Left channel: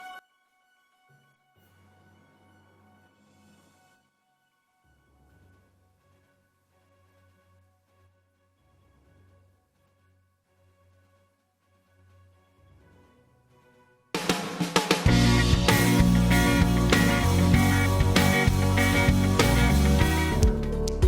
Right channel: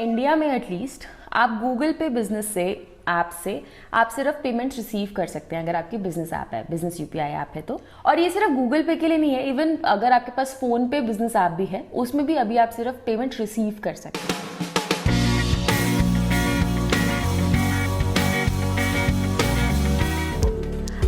India में at least आप Google पे बिजनेस से ऐप से आप सिर्फ पेमेंट रिसीव कर सकते हैं अगर आपकी बिजनेस ऐप है, बिजनेस यूपीआई ऐप है तो। और ये सिर्फ गूगल पे के लिए नहीं है, इवन अगर आपके पास फोन पे बिजनेस ऐप भी है उसमें भी अभी आप सिर्फ पेमेंट रिसीव कर सकते हैं।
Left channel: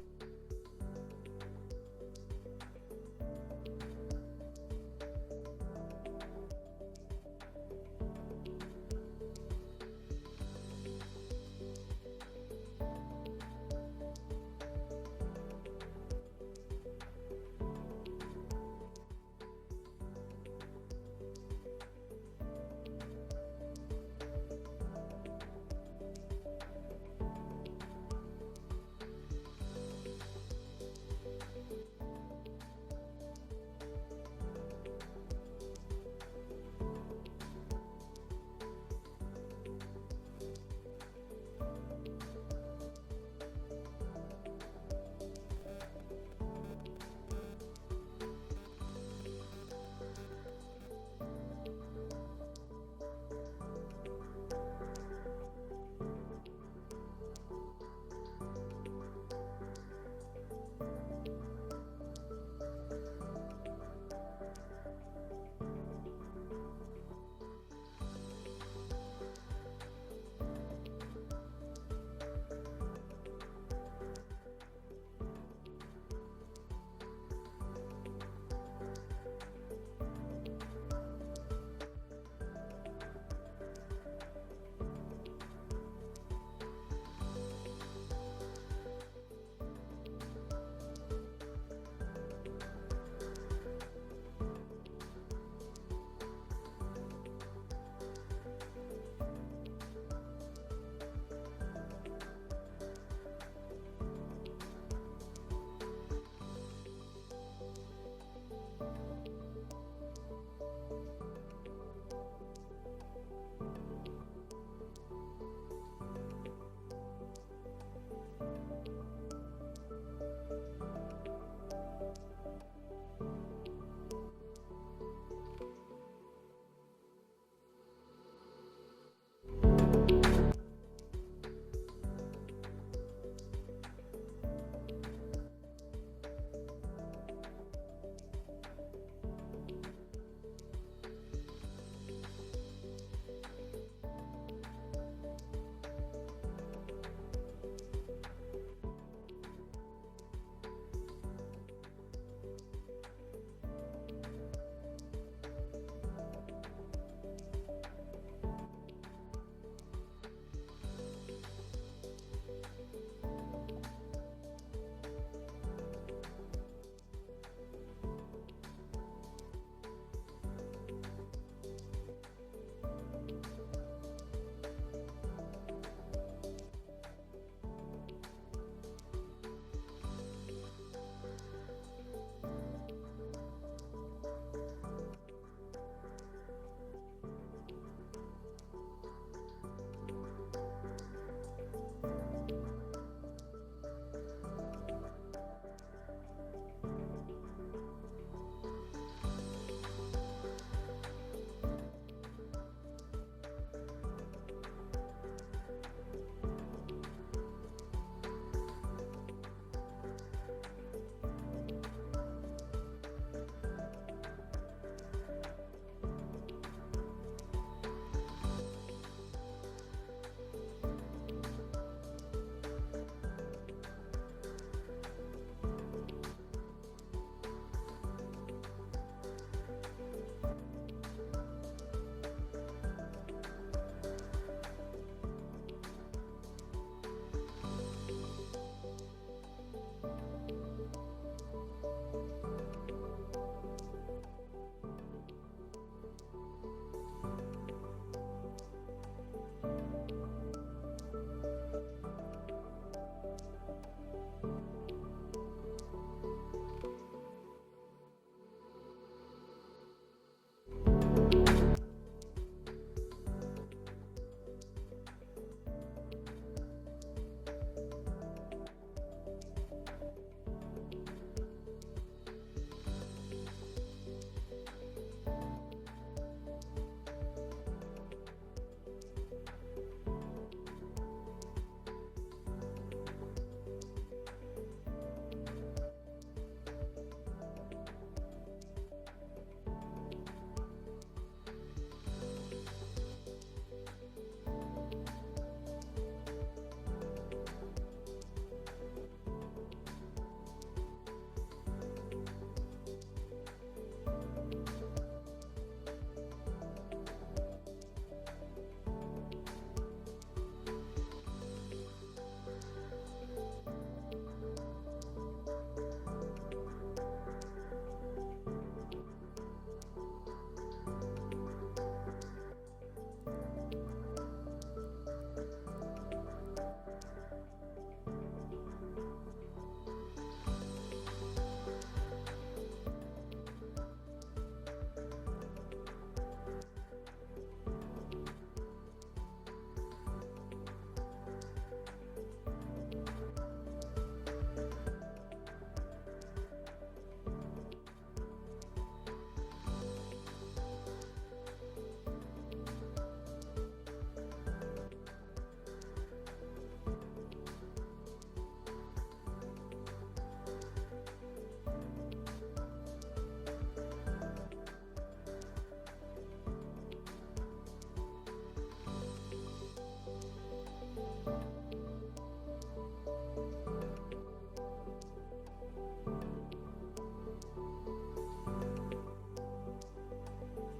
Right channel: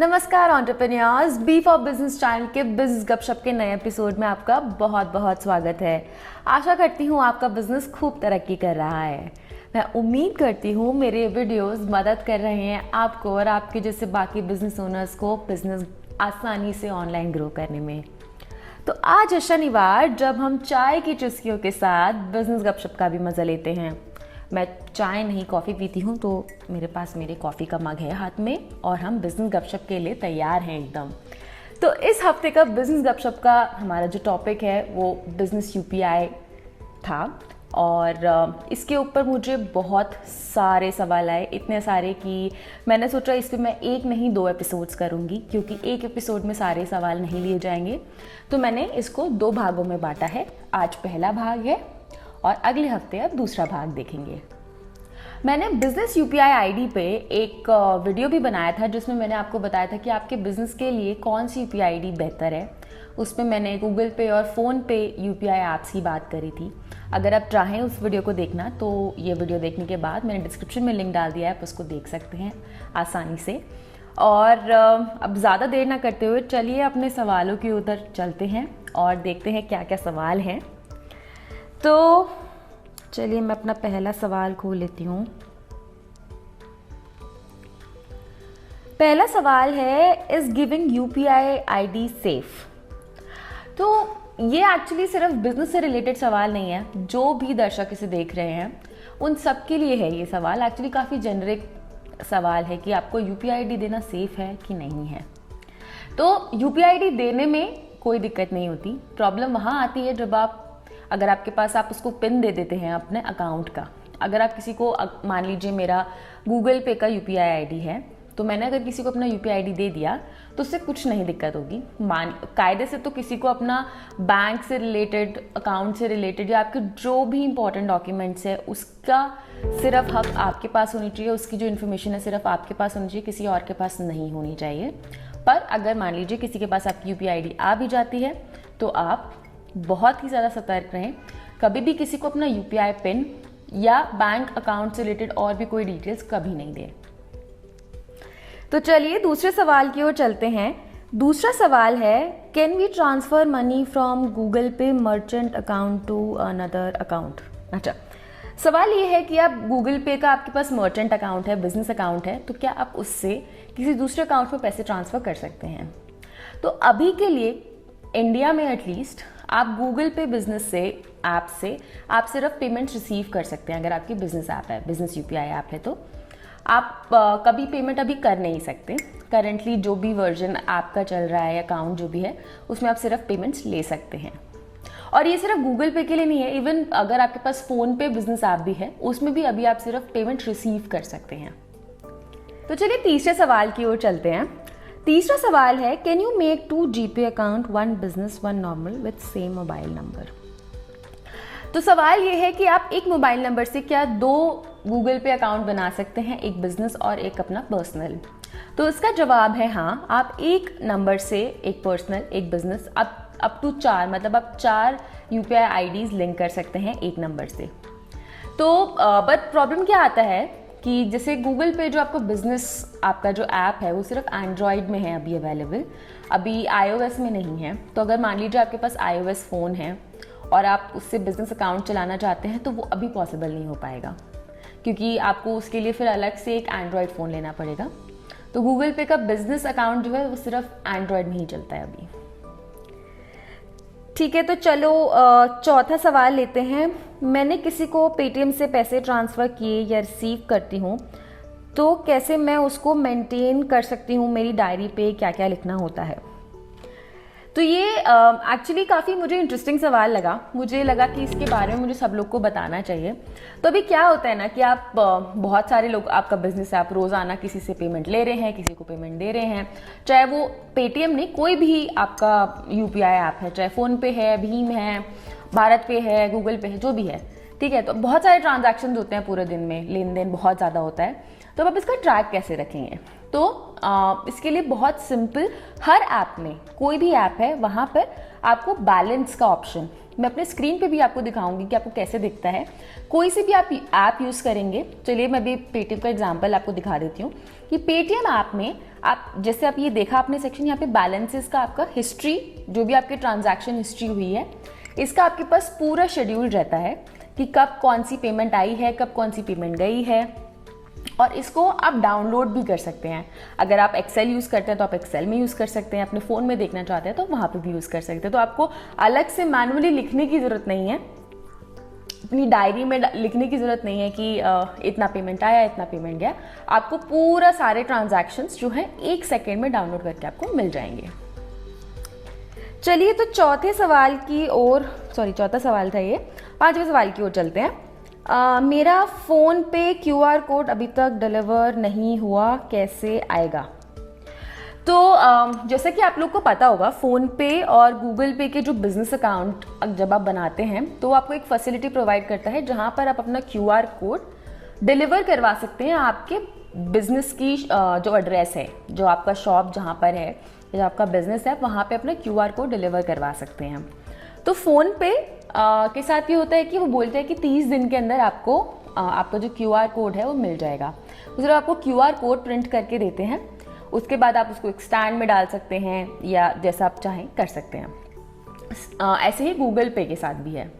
नमस्कार entrepreneurs, B for business channel के बिजनेस गपशप के नए एपिसोड में आपका बहुत बहुत स्वागत है। आशा करती हूँ आपका बिजनेस खूब तरक्की कर रहा है। मैं उम्मीद करती हूँ मेरे वीडियोस मदद कर रहे हैं आपको और आपके जैसे बाकी बिजनेस ओनर्स को बिजनेस आसानी से ऑनलाइन ग्रो करने में। तो आज है शनिवार, जब हम चाय की चुस्कियों के साथ बिजनेस गपशप का भी मज़ा लेते हैं। मैं चाय नहीं कॉफ़ी पीती हूँ, तो मेरे पास मेरे कॉफ़ी का मग है हाथ में और हम बिजनेस गपशप के लिए तैयार हैं एकदम। तो इस हफ्ते का बिजनेस गपशप का हमारा जो टॉपिक है वो बिजनेस यूपीआई था और इसके ऊपर मुझे बहुत सारे सवाल आए, इतने सारे कि मैंने सोचा इस पर मैं एक नहीं दो एपिसोड्स करूँगी, क्योंकि एक एपिसोड में सारे सवाल नहीं लिए जाएंगे। तो मैंने इसको दो भागों में बांटा है। आज पहला भाग है और अगले हफ्ते अब दूसरा भाग देखेंगे। मैंने बिजनेस यूपीआई आईडी पे एक वीडियो भी बनाया था जिसमें मैंने आपको बताया था कि आपके बिजनेस के लिए कौन सी यूपीआई आईडी बेहतर है। उसमें मैंने गूगल पे और फ़ोन पे यूपीआई ऐप्स की बात करी थी। अगर आप चाहें उस वीडियो को देखना तो ये वीडियो देखने के बाद मैंने डिस्क्रिप्शन में लिंक डाल दिया है, आप उसको देख सकते हैं आसानी से। और अब ज़्यादा देर ना करते हुए चलिए अपने सवालों की उधर चलते हैं और देखते हैं क्या क्या सवाल हैं। तो चलिए मैं अपना पहला सवाल खोल लेती हूँ। पहला सवाल है, is giving UPI ID safe? तो ये एक्चुअली सिर्फ बिजनेस से रिलेटेड सवाल नहीं है। जो भी दर्शक इसे देख रहे हैं उन सब के लिए है ये सवाल। एक्चुअली काफ़ी जेनरिक सवाल है कि आपको यूपीआई आईडी देना सेफ है कि नहीं है। तो यूपीआई आईडी देने में कोई दिक्कत नहीं होती। प्रॉब्लम वहाँ आती है जब अगर आपके पास आप उसको पिन दे देते हैं अपने अकाउंट का। अगर आप किसी को, मान लीजिए मेरा गूगल पे का यूपीआई आईडी है, तो मैंने अगर किसी को अपना यूपीआई आईडी दे दिया तो उससे कुछ नहीं दिक्कत होगी। कायदे से तो किसी को अपना बैंक से रिलेटेड, अकाउंट से रिलेटेड या आपके जो भी इंपॉर्टेंट डॉक्यूमेंट्स है उसका सिर्फ हक आपके पास होनी चाहिए। उसकी जो इन्फॉर्मेशन है सिर्फ आपके पास होनी चाहिए, किसी और के पास नहीं होनी चाहिए। पर अगर मान लीजिए किसी के पास आपकी यूपीआई आईडी आ भी जाती है तो आप बहुत ही ज़्यादा सतर्क रहें। कभी भी किसी को अपना यूपीआई पिन या बैंक अकाउंट से रिलेटेड और भी कोई डिटेल्स कभी नहीं दें। तो चलिए दूसरे सवाल की ओर चलते हैं। दूसरा सवाल है, can we transfer money from Google Pay merchant account to another account? अच्छा, सवाल ये है कि आप गूगल पे का आपके पास मर्चेंट अकाउंट है, बिजनेस अकाउंट है, तो क्या आप उससे किसी दूसरे अकाउंट में पैसे ट्रांसफ़र कर सकते हैं? तो अभी के लिए इंडिया में एटलीस्ट आप गूगल पे बिजनेस से ऐप से आप सिर्फ पेमेंट रिसीव कर सकते हैं अगर आपकी बिजनेस ऐप है, बिजनेस यूपीआई ऐप है तो। आप कभी पेमेंट अभी कर नहीं सकते। करंटली जो भी वर्जन ऐप का चल रहा है, अकाउंट जो भी है, उसमें आप सिर्फ पेमेंट्स ले सकते हैं। और ये सिर्फ गूगल पे के लिए नहीं है, इवन अगर आपके पास फ़ोन पे बिजनेस ऐप भी है उसमें भी अभी आप सिर्फ पेमेंट रिसीव कर सकते हैं। तो चलिए तीसरे सवाल की ओर चलते हैं। तीसरा सवाल है, can you make 2 GPay account, 1 business 1 normal with same mobile number? तो सवाल ये है कि आप एक मोबाइल नंबर से क्या 2 गूगल पे अकाउंट बना सकते हैं, एक बिजनेस और एक अपना पर्सनल? तो इसका जवाब है हाँ। आप एक नंबर से एक पर्सनल, एक बिजनेस, अप टू 4, मतलब आप 4 यूपीआई आईडीज लिंक कर सकते हैं एक नंबर से। तो बट प्रॉब्लम क्या आता है कि जैसे गूगल पे जो आपको बिजनेस, आपका जो ऐप है वो सिर्फ एंड्रॉयड में है अभी अवेलेबल, अभी आईओएस में नहीं है। तो अगर मान लीजिए आपके पास आईओएस फ़ोन है और आप उससे बिजनेस अकाउंट चलाना चाहते हैं तो वो अभी पॉसिबल नहीं हो पाएगा, क्योंकि आपको उसके लिए फिर अलग से एक एंड्रॉयड फ़ोन लेना पड़ेगा। तो गूगल पे का बिजनेस अकाउंट जो है वो सिर्फ एंड्रॉयड में ही चलता है अभी। ठीक है, तो चलो चौथा सवाल लेते हैं। मैंने किसी को पेटीएम से पैसे ट्रांसफ़र किए या रिसीव करती हूँ तो कैसे मैं उसको मेंटेन कर सकती हूँ? मेरी डायरी पे क्या क्या लिखना होता है? तो ये एक्चुअली काफ़ी मुझे इंटरेस्टिंग सवाल लगा। मुझे लगा कि इसके बारे में मुझे सब लोग को बताना चाहिए। तो अभी क्या होता है ना कि आप बहुत सारे लोग, आपका बिजनेस है, आप रोज़ाना किसी से पेमेंट ले रहे हैं, किसी को पेमेंट दे रहे हैं, चाहे वो पेटीएम नहीं, कोई भी आपका यूपीआई ऐप है, चाहे फ़ोन पे है, भीम है, भारत पे है, गूगल पे है, जो भी है, ठीक है। तो बहुत सारे ट्रांजैक्शन होते हैं पूरे दिन में, लेन देन बहुत ज़्यादा होता है, तो अब आप इसका ट्रैक कैसे रखेंगे? तो इसके लिए बहुत सिंपल, हर ऐप में, कोई भी ऐप है वहाँ पर आपको बैलेंस का ऑप्शन, मैं अपने स्क्रीन पे भी आपको दिखाऊंगी कि आपको कैसे दिखता है। कोई सी भी आप ऐप यूज़ करेंगे, चलिए मैं भी पेटीएम का एग्जांपल आपको दिखा देती हूँ कि पेटीएम ऐप में आप जैसे आप ये देखा आपने सेक्शन, यहाँ पे बैलेंसेस का आपका हिस्ट्री, जो भी आपके ट्रांजैक्शन हिस्ट्री हुई है, इसका आपके पास पूरा शेड्यूल रहता है कि कब कौन सी पेमेंट आई है, कब कौन सी पेमेंट गई है, और इसको आप डाउनलोड भी कर सकते हैं। अगर आप एक्सेल यूज़ करते हैं तो आप एक्सेल में यूज़ कर सकते हैं, अपने फ़ोन में देखना चाहते हैं तो वहाँ पे भी यूज़ कर सकते हैं। तो आपको अलग से मैनुअली लिखने की ज़रूरत नहीं है, अपनी डायरी में लिखने की ज़रूरत नहीं है कि इतना पेमेंट आया, इतना पेमेंट गया। आपको पूरा सारे ट्रांजैक्शंस जो हैं 1 सेकेंड में डाउनलोड करके आपको मिल जाएंगे। चलिए तो चौथा सवाल था ये, 5वें सवाल की ओर चलते हैं। मेरा फ़ोन पे QR कोड अभी तक डिलीवर नहीं हुआ, कैसे आएगा? तो जैसे कि आप लोग को पता होगा, फ़ोन पे और गूगल पे के जो बिज़नेस अकाउंट जब आप बनाते हैं तो आपको एक फैसिलिटी प्रोवाइड करता है जहां पर आप अपना QR कोड डिलीवर करवा सकते हैं आपके बिज़नेस की जो एड्रेस है, जो आपका शॉप जहां पर है, जो आपका बिज़नेस है, वहां पे अपना QR कोड डिलीवर करवा सकते हैं। तो फ़ोन पे के साथ ये होता है कि वो बोलते हैं कि 30 दिन के अंदर आपको आपका जो QR कोड है वो मिल जाएगा। तो आपको QR कोड प्रिंट करके देते हैं, उसके बाद आप उसको एक स्टैंड में डाल सकते हैं या जैसा आप चाहें कर सकते हैं। ऐसे ही गूगल पे के साथ भी है।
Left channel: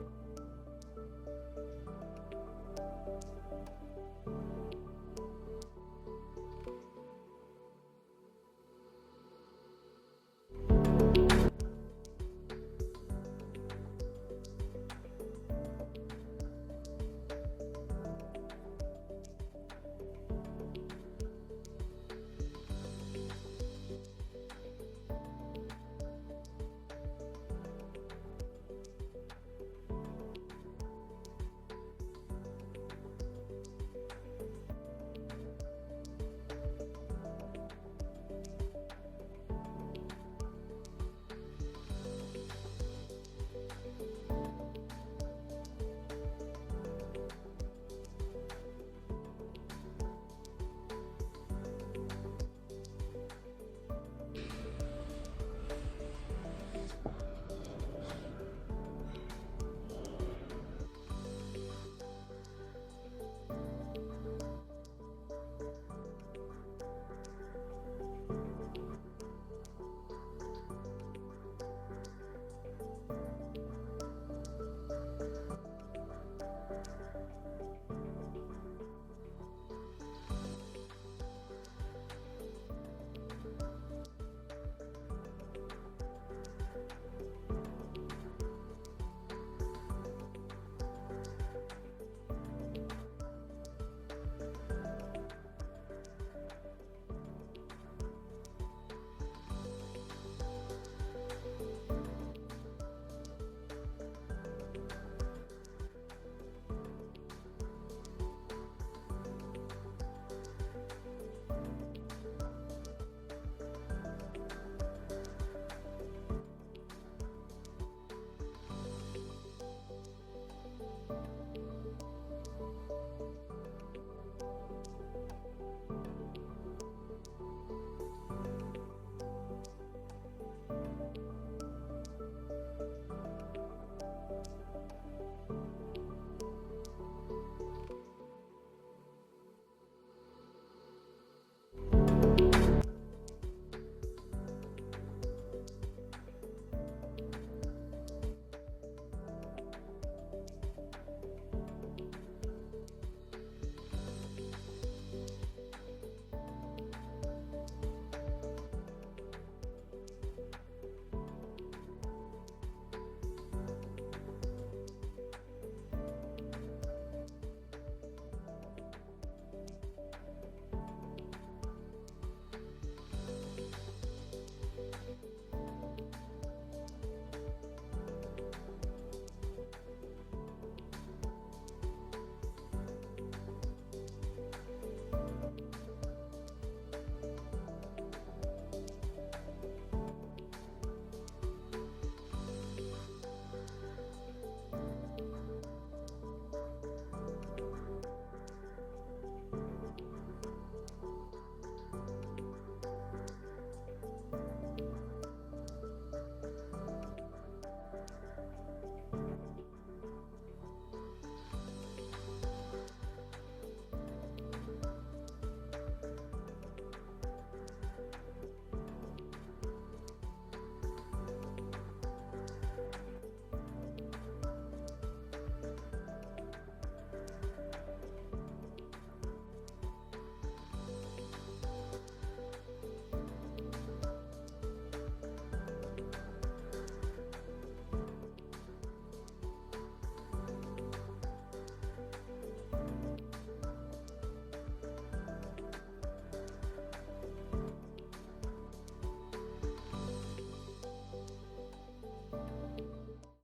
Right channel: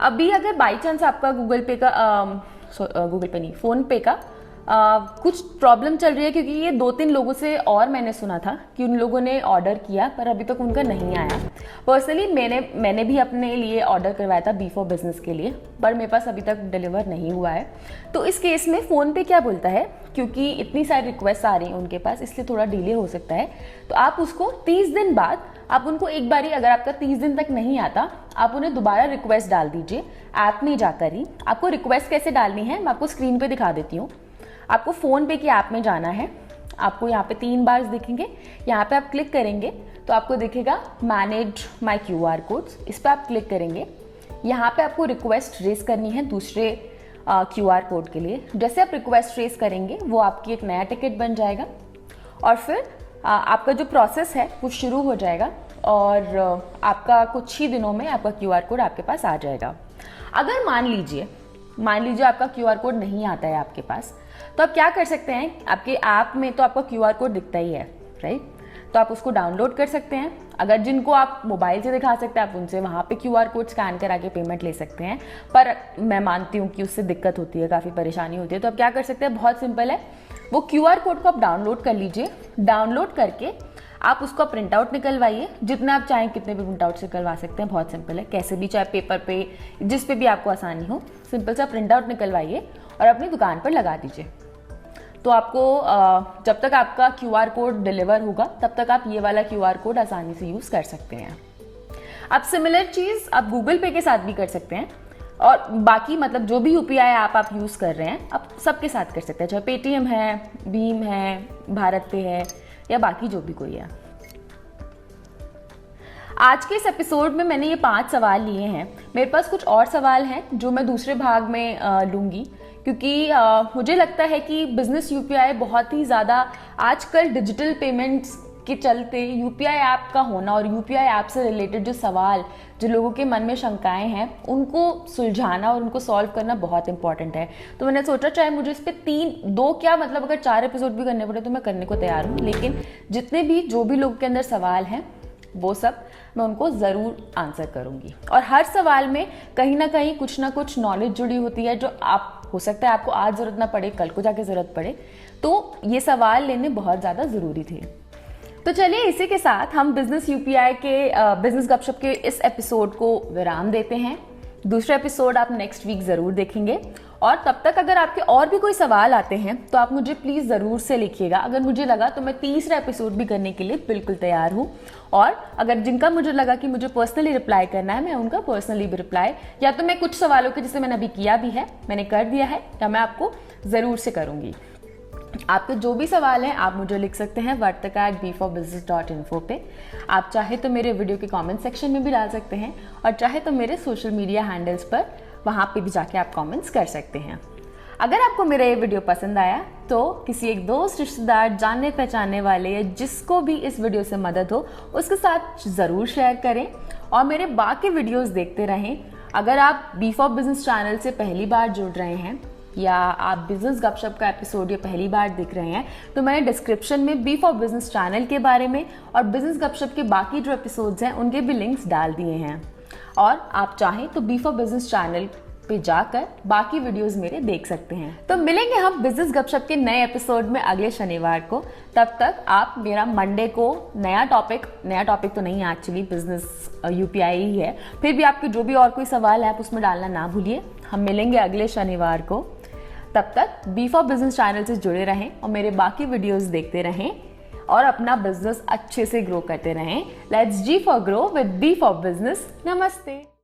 अभी अगर बाई चांस आपका गूगल पे नहीं, फ़ोन पे का कुछ प्रॉब्लम चल रही है, क्योंकि ये 2-3 लोगों से और मैंने सुना था कि उन लोगों ने ऑर्डर किया पर अभी तक उनका नहीं आया। पर्सनली मैंने भी अपने लिए ऑर्डर करवाया था बी फॉर बिजनेस के लिए, पर मेरे पास अभी तक डिलीवर नहीं हुआ है। तो इस केस में फ़ोन पे क्या बोलता है, क्योंकि इतनी सारी रिक्वेस्ट आ रही हैं उनके पास, इसलिए थोड़ा डिले हो सकता है। तो आप उसको 30 दिन बाद आप उनको एक बारी, अगर आपका 30 दिन तक नहीं आता, आप उन्हें दोबारा रिक्वेस्ट डाल दीजिए ऐप में जाकर ही। आपको रिक्वेस्ट कैसे डालनी है मैं आपको स्क्रीन पे दिखा देती हूँ। आपको फ़ोन पे की ऐप में जाना है, आपको यहाँ पे 3 बार्स दिखेंगे, यहाँ पे आप क्लिक करेंगे तो आपको दिखेगा मैनेज माई QR कोड्स, इस पर आप क्लिक करेंगे। यहाँ पे आपको रिक्वेस्ट रेज करनी है दूसरे QR कोड के लिए। जैसे आप रिक्वेस्ट रेज करेंगे वो आपकी एक नया टिकट बन जाएगा और फिर आपका जो प्रोसेस है वो शुरू हो जाएगा और आपका कुछ ही दिनों में आपका QR कोड आपके पास आ जाएगा। अगर मान लीजिए आपका QR कोड नहीं आता है आपके पास, तो आप क्या कर सकते हैं, आपके ऐप में तो आपका QR कोड दिखता ही है, राइट? तो आप उसको डाउनलोड कर सकते हैं। अगर जिनको आप मोबाइल से दिखा सकते हैं, आप उनसे वहाँ पे QR कोड स्कैन करा के पेमेंट ले सकते हैं, पर मैं मानती हूँ कि उससे दिक्कत होती है, काफ़ी परेशानी होती है। तो आप क्या कर सकते हैं, बहुत सिंपल है, वो QR कोड को आप डाउनलोड कर लीजिए। डाउनलोड करके आप उसका प्रिंट आउट निकलवाइए, जितना आप चाहें कितने भी प्रिंट आउट से करवा सकते हैं, बहुत सिंपल है, कैसे भी, चाहे पेपर पे, जिस पे भी आपको आसानी हो, सिंपल सा प्रिंट आउट निकलवाइए और अपनी दुकान पर लगा दीजिए। तो आपको जब तक आपका QR कोड डिलीवर होगा तब तक आप ये वाला QR कोड आसानी से यूज़ कर सकते हैं। अब सिमिलर चीज़ आप गूगल पे के साथ भी कर सकते हैं और बाकी मतलब जो भी UPI ऐप आप यूज़ कर रहे हैं आप सबके साथ कर सकते हैं, चाहे पेटीएम है, भीम है, भारत पे है या बाकी जो भी कोई है। आज के इस एपिसोड में मैंने ये 5 सवाल लिए हैं। मेरे पास कुछ और सवाल हैं जो मैं दूसरे भाग में लूँगी, क्योंकि मुझे लगता है कि बिज़नेस UPI बहुत ही ज़्यादा आजकल डिजिटल पेमेंट्स के चलते UPI ऐप का होना और UPI ऐप से रिलेटेड जो सवाल, जो लोगों के मन में शंकाएं हैं, उनको सुलझाना और उनको सॉल्व करना बहुत इंपॉर्टेंट है। तो मैंने सोचा चाहे मुझे इस पर 2 क्या मतलब अगर 4 एपिसोड भी करने पड़े तो मैं करने को तैयार हूँ, लेकिन जितने भी जो भी लोगों के अंदर सवाल हैं वो सब मैं उनको ज़रूर आंसर करूँगी। और हर सवाल में कहीं ना कहीं कुछ ना कुछ नॉलेज जुड़ी होती है जो आप, हो सकता है आपको आज ज़रूरत ना पड़े, कल को जाके ज़रूरत पड़े, तो ये सवाल लेने बहुत ज़्यादा ज़रूरी थे। तो चलिए इसी के साथ हम बिज़नेस UPI के बिज़नेस गपशप के इस एपिसोड को विराम देते हैं। दूसरा एपिसोड आप नेक्स्ट वीक ज़रूर देखेंगे और तब तक अगर आपके और भी कोई सवाल आते हैं तो आप मुझे प्लीज़ ज़रूर से लिखिएगा। अगर मुझे लगा तो मैं तीसरा एपिसोड भी करने के लिए बिल्कुल तैयार हूँ, और अगर जिनका मुझे लगा कि मुझे पर्सनली रिप्लाई करना है, मैं उनका पर्सनली भी रिप्लाई, या तो मैं कुछ सवालों के जिसे मैंने अभी किया भी है, मैंने कर दिया है, या मैं आपको ज़रूर से करूँगी। आपके जो भी सवाल हैं आप मुझे लिख सकते हैं vartika@b4business.info पे। आप चाहे तो मेरे वीडियो के कमेंट सेक्शन में भी डाल सकते हैं और चाहे तो मेरे सोशल मीडिया हैंडल्स पर वहाँ पे भी जाके आप कमेंट्स कर सकते हैं। अगर आपको मेरा ये वीडियो पसंद आया तो किसी एक दोस्त, रिश्तेदार, जानने पहचानने वाले या जिसको भी इस वीडियो से मदद हो उसके साथ ज़रूर शेयर करें और मेरे बाकी वीडियोस देखते रहें। अगर आप बी फॉर बिजनेस चैनल से पहली बार जुड़ रहे हैं या आप बिजनेस गपशप का एपिसोड ये पहली बार देख रहे हैं तो मैंने डिस्क्रिप्शन में बी फॉर बिजनेस चैनल के बारे में और बिजनेस गपशप के बाकी जो एपिसोड्स हैं उनके भी लिंक्स डाल दिए हैं। और आप चाहें तो बी फॉर बिजनेस चैनल पे जाकर बाकी वीडियोस मेरे देख सकते हैं। तो मिलेंगे हम बिजनेस गपशप के नए एपिसोड में अगले शनिवार को। तब तक आप मेरा मंडे को नया टॉपिक तो नहीं है एक्चुअली, बिजनेस यूपीआई ही है, फिर भी आपके जो भी और कोई सवाल है आप उसमें डालना ना भूलिए। हम मिलेंगे अगले शनिवार को। तब तक बी फॉर बिजनेस चैनल से जुड़े रहें और मेरे बाकी वीडियोस देखते रहें और अपना बिजनेस अच्छे से ग्रो करते रहें। Let's G for grow with B for business. नमस्ते।